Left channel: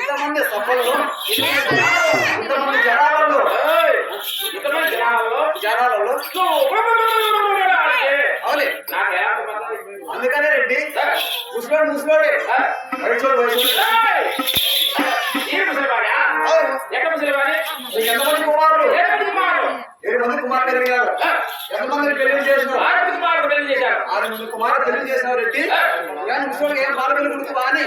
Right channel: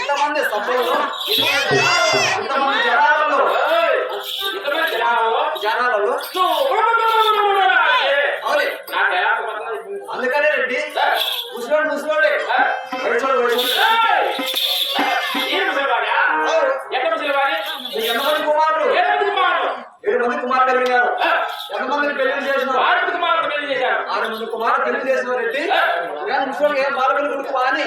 ఇంతమంది సభల్లో ఇంతమంది జనాలలో అవునే అందుకనే రెడ్డి ముసలోడే ఎంతమంది కుమారులు 7 మంది కుమారులు కలిగినారు. ఎంతమందిని పెళ్లి చేసినారు? 6 మంది కుమారులు పెళ్లి చేసినావు రెడ్డి. కానీ ముసలోడు ఏం బాల పెళ్లి కొడుకు అని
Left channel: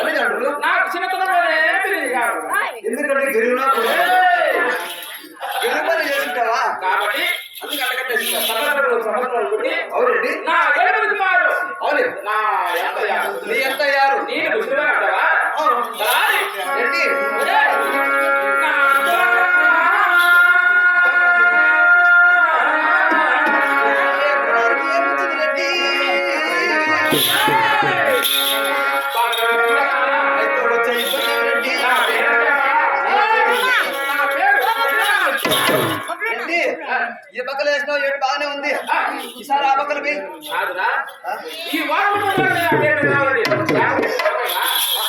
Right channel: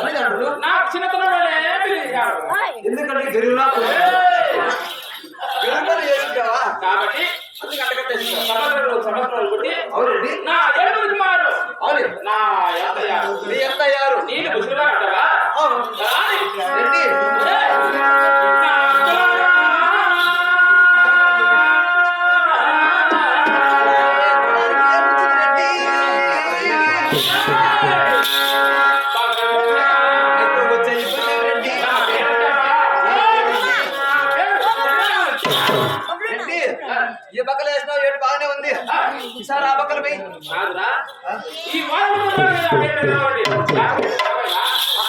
తల్లిదండ్రులు నాకు చిన్నతనంలోనే ఎందుకంటే గరివునా గరిబని చేసుకుంటావా కాబట్టి అందుకు అట్టగట్టేసి సంవత్సరాలు కొట్టి అవునండి నా 7 మంది కుమారులు అవును నా నీ ఎంత అయ్యారు నేను ముసలిగా అంటావా రెడ్డి ఈ బక్కలు వేసినావు ఏడు బాగానే ఉంది. ఈసారి ఆ బక్కలు పోయి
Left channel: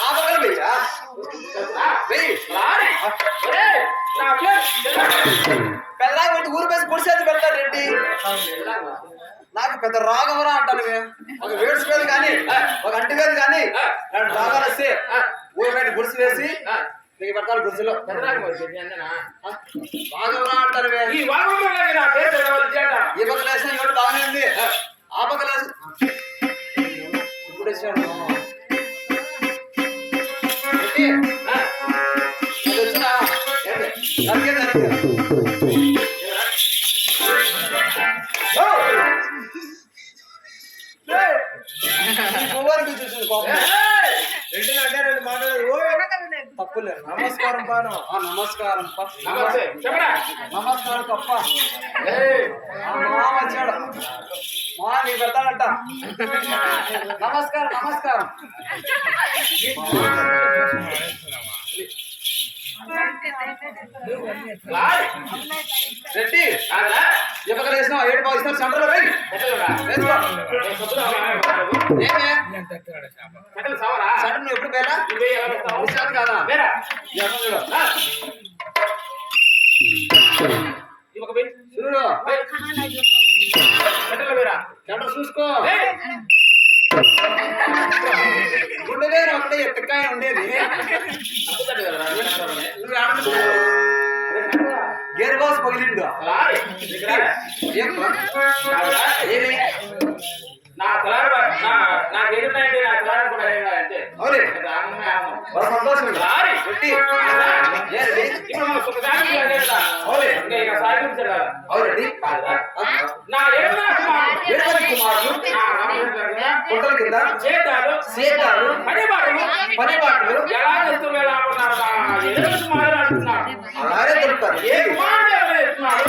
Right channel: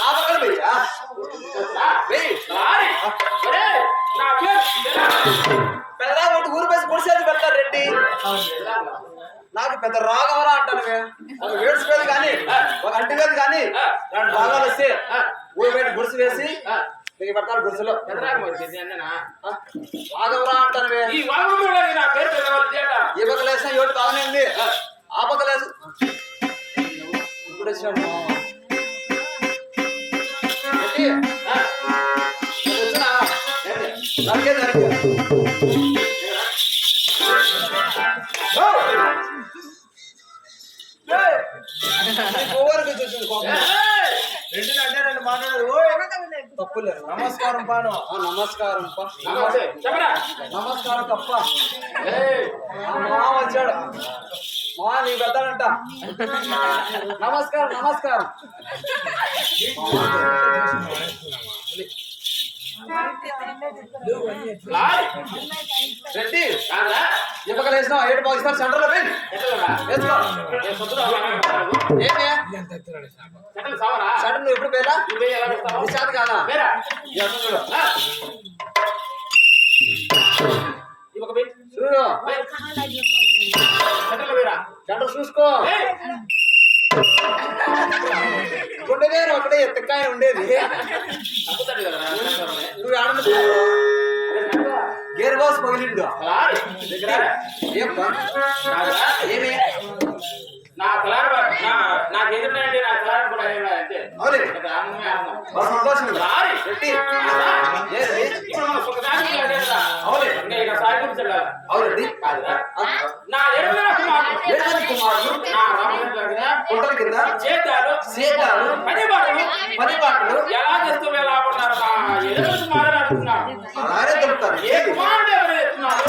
ఆ బక్కలు పెద్ద ఊరు పేసి పొడిసేది పెడతారు రెడ్డి. నాకు పెద్ద రాగవరా అంటాను. ఒక వేడుచుకోదు కానీ ఒక అంటివేది కానీ రెండు రాగాలు వస్తే ఊరు బయట గుడిసి వేసి పెడతాను గుడిసెలో రాగవరా అంటాను. ఈ పక్క లేసిన ఏడు బాగానే ఉంది. ఆ పక్క లేసి ఇప్పుడు వచ్చాడు రెండు మాట్లాడదు తప్పులేదు. నమస్కారం పాను. నమస్కారం నమస్కారం తప్ప మా వచ్చాడు మా నీకు పెడతాడంట. నమస్కారం నమస్కారం రెడ్డి ఇవ్వక వేసినావు ఏడు బాగా ఇస్తాను సెంటర్లో సెంటర్ నువ్వు ఎప్పుడు పేరా విషయాలు కాదా సెంటర్ చూసుకో. గుండె వేరు అక్కడే ఎత్తకాయ ఉండేది. నువ్వు ఆడ గేర్ బాస్ పగిలిండు ఏమి నా తలారు నాకు ఎదురున్నాయండి. నా తలారు కూడా అంటే అవునే సంతోషం అవునండి. నా 7 కుమారులు కుంటల కింద సేతాలు పనిబాట్లు ఎలా చేస్తూ ఎలా ఉన్నారు. మా 8 కుమారులు అంటున్నారు. అలాగే చెప్తారు. ఏ కుమారుడు ఎవరు చెప్తున్నారు.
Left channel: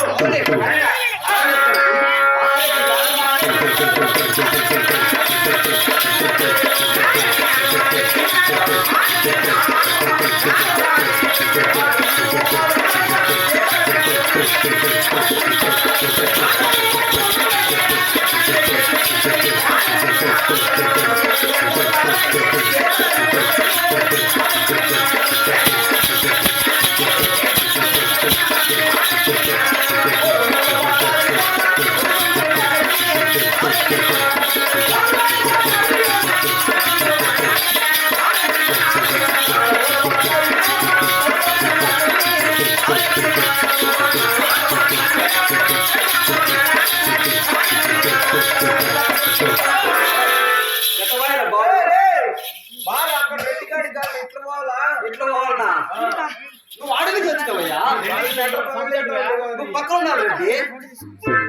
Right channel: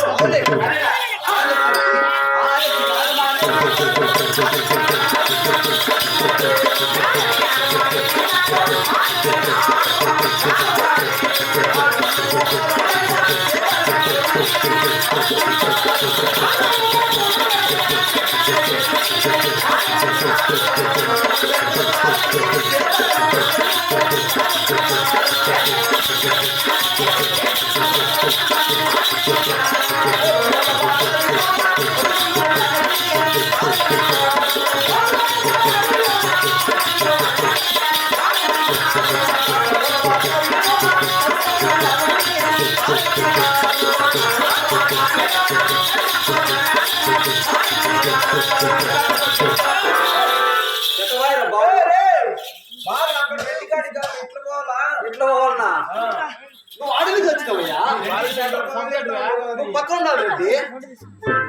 నువ్వు పక్కన ఉండాలి రెడ్డి.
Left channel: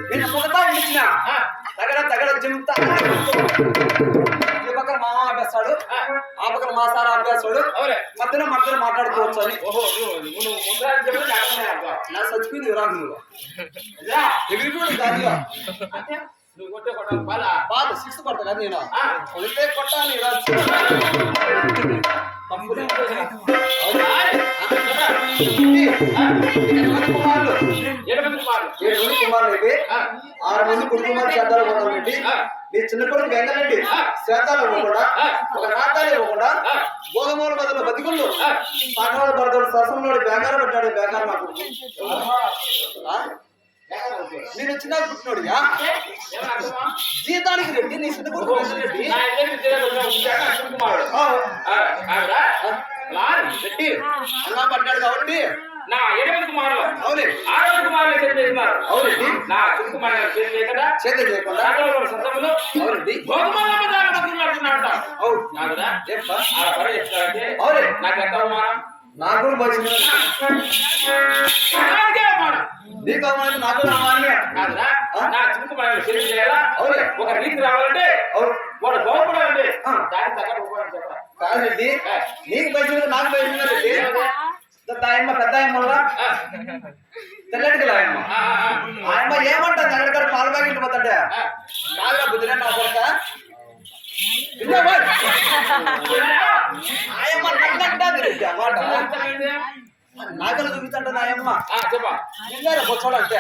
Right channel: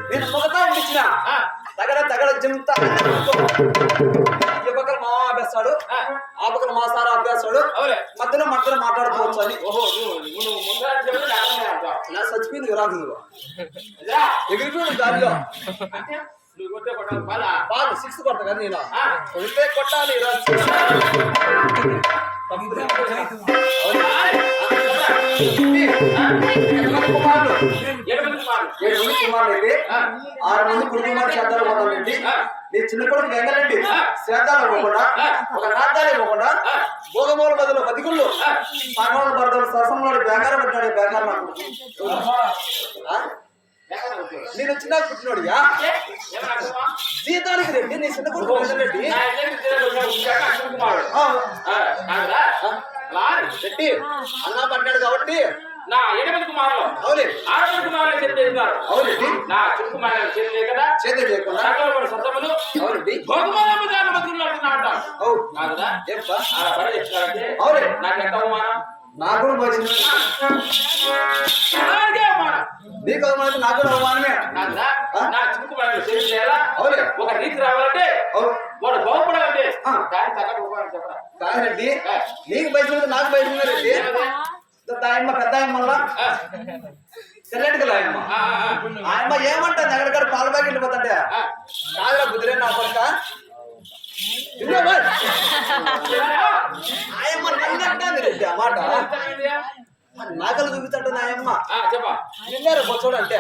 నేను మొదట ఇచ్చిన తగడ తగడ జింతా ఈ పక్కన మా ఆపేస్తాడు, ఆ పక్కన మా సార్ ఆపేస్తాడు, మధ్యలో మధ్యలో మాట్లాడుకోవచ్చు అని. నా చచ్చిపోయింది రాదు నువ్వు ఎగిరిపోయాడు గాలిలో. బాల్ 6 కొడతా కదా నేను కొడితే కొట్టాలి. కుమారులు 7 మంది కుమారులు అయితే 6 మంది కుటుంబాలు శ్రద్ధాలు పోతానండి. నీ చిన్న కొడుకు వెంగలండి శ్రద్ధాలు ఇవ్వకుండా, ఒక నాటాలు ఇవ్వకుండా, భోగమూల బదులు బతికుళ్ళు సాగోల బరదలు సరసంలో బేగారు పడ్డాడు. బేగారు నా కొడుకు నేను చిన్న పుట్టినోడిగా జీతానికి రెడ్డి. నీ చిన్న కొడుకు వెంగలండి రెడ్డి అన్నా పడ్డాడు కాబట్టి నా 8 మంది కుమారులు అవునే 6 మంది కుమారులు చేస్తున్నారు. అవునండి. నా చిన్న కుమారులు చేయకుండా చేయకుండా సొంతములు అవునండి. అవును కదా అలా పని చెప్తారంటే అవునే నాకు ఎంత అవమానం. నాకు అవమానం, నీకు అవమానం, నాకు అవమానమే కాదురా. నా చిన్న కుమారులు చేయాలా అవునే ఒక రీతి రావాలంటే వాడు బాగుపడాలంటే దానికి తగ్గట్టు చెప్పరా కాదండి. నీకు బయట నాకు బయట రెడ్డి. దాయమ్మ పెద్ద అయ్యమ్మ తెల్లటికి లాయమ్మ ఆయమ్మ ఏమంటుంది ఎక్కడికాడ పాల ప్యాకెట్లు పోతాడే కాదురా బుద్ధిరే నా కొరక ఆయమ్మ నన్నంటుంది రెడ్డి ఆ మాట నాకలు చూపించంటుంది ఆయమ్మ చెప్పా నిన్నారు బొచ్చోడు అంటే